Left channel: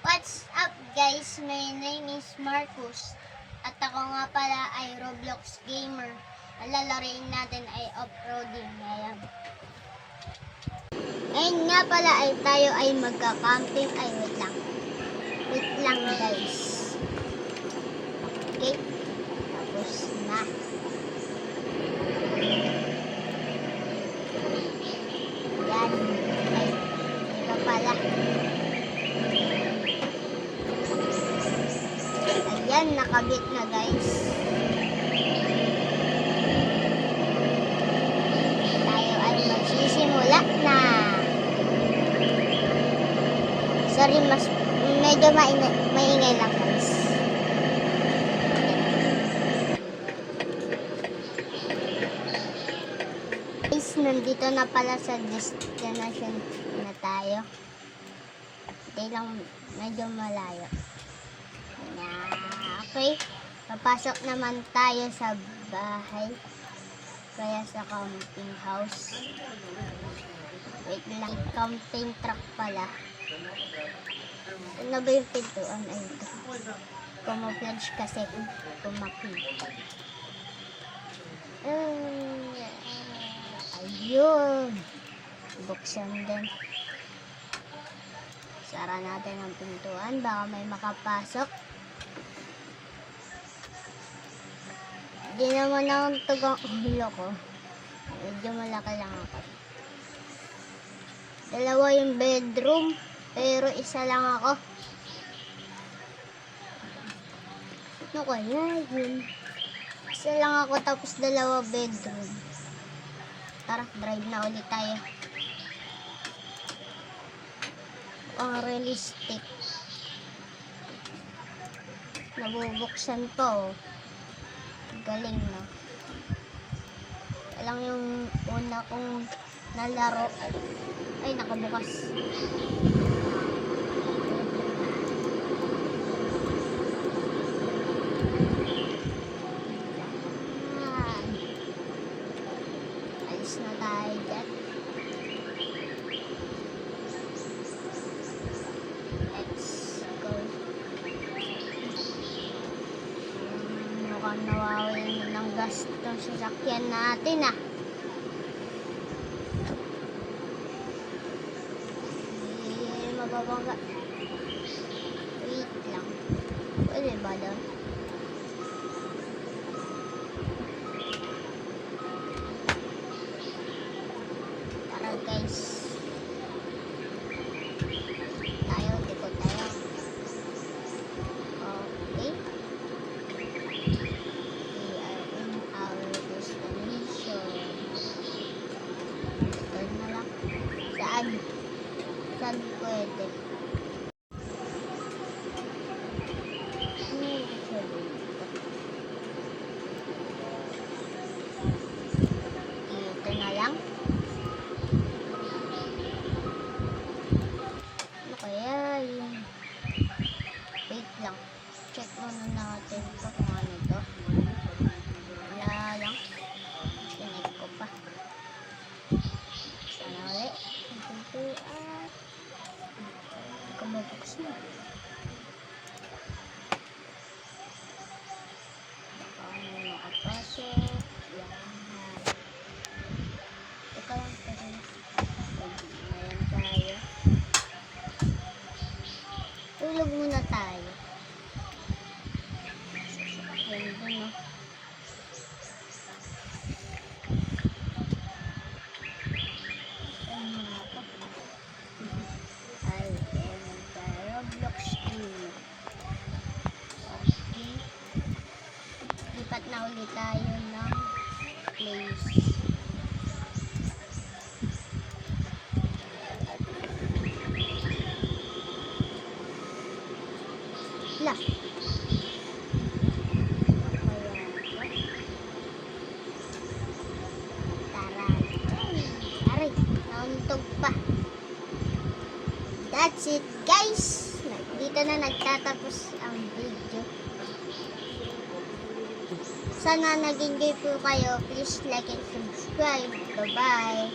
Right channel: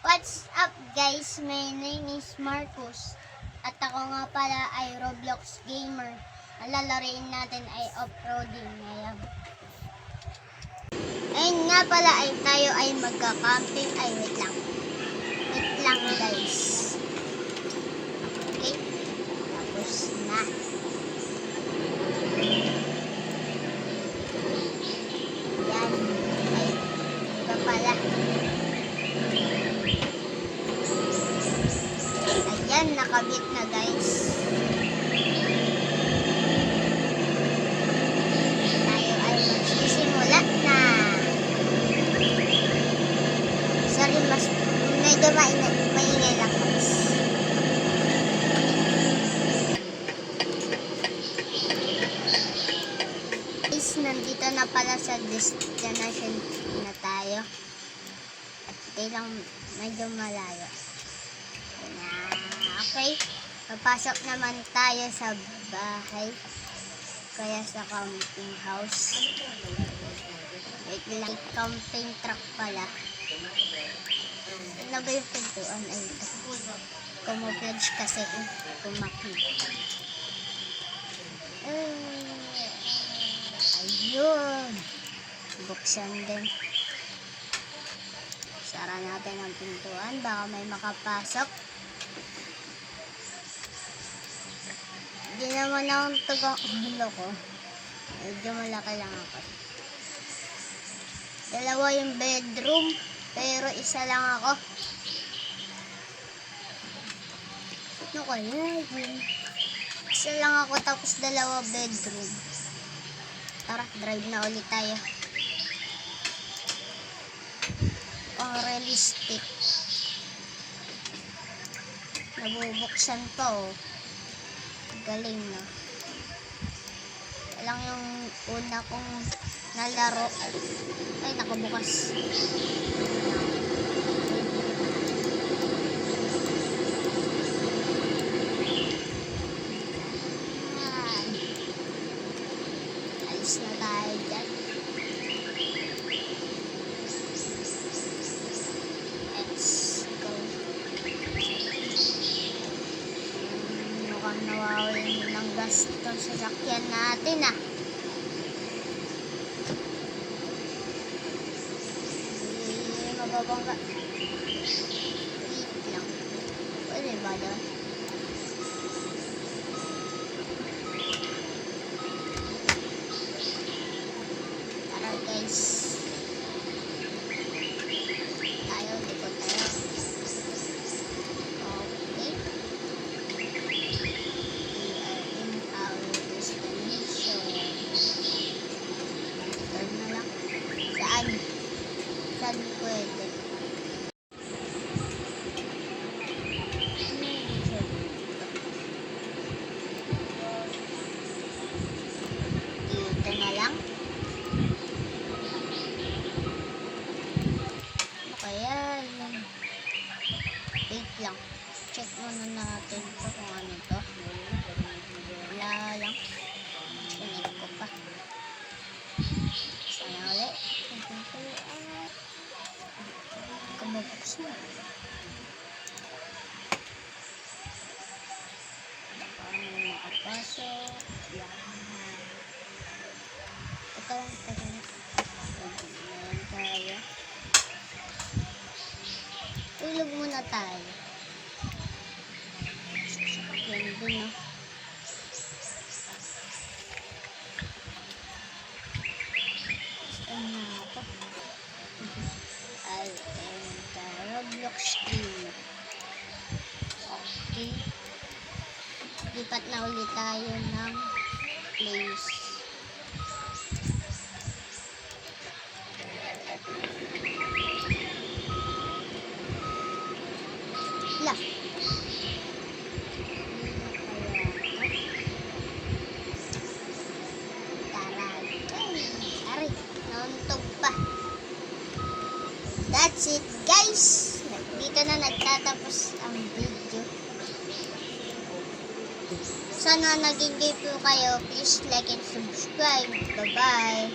What's up guys? My name is Marcus at ako nga pala ay Roblox gamer. Ang lalaroin natin ay off-roading. Ngayon nga pala ay tayo ay magka-camping. Ay wait lang guys. Okay, tapos na. Yan. Ay, iba pala. Ayan, nakabit na guys. Tayo ay magsisimula na. Sorry, medyo maingay lang guys. Guys, nandito na pala sa destination na tayo. Okay lang, medyo malayo. Okay, papasok naman tayo sa bahay. Kaya sa camping house. Wait lang, camping truck pala. Ano ba yung pintuan? Ay, ito. Camouflage kasi kumakita. Ayun. Buksan din. Sara natin ang pintuan. Baka may makapasok. Hindi naman ang tugang ulo ko. Medyo malaki lang ako. Dalawa yung bedroom. Pero isa lang ako. Ano kaya yun? Isa lang ako tapos dalawa bedroom. Tara, drive na ulit tayo. Ang realistic. Nabubuksan pa oh. Galing na. Alang yung una kong nalaro. Ay, nakabukas. Alis na tayo dyan. Let's go. Mukhang nawawin ng gas itong sasakyan natin ah. Mababangga. Wait lang. Pwede ba daw? Tara guys. Tayo, dito tayo. Okay. We are in our destination. Turn na lang. Saan? Saan pwede? Dito na lang. Ano kaya yun? Wait lang. Check muna natin ito kung ano to. Wala lang. Chinig ko pa. Sana ulit. Kumabuksan na. Paano makapasok? Yan. Teka lang. Ayan tayo. Tulog muna tayo. Sasakyan din, no? Saan na ako? Ay, enter Roblox gamer. Okay. Lipat na ulit tayo ng place. La. Tara. Aray, nauntog pa. That's it guys. Dito na nagtatapos ang video. Sana nag-enjoy po kayo. Please like and subscribe. Bye bye.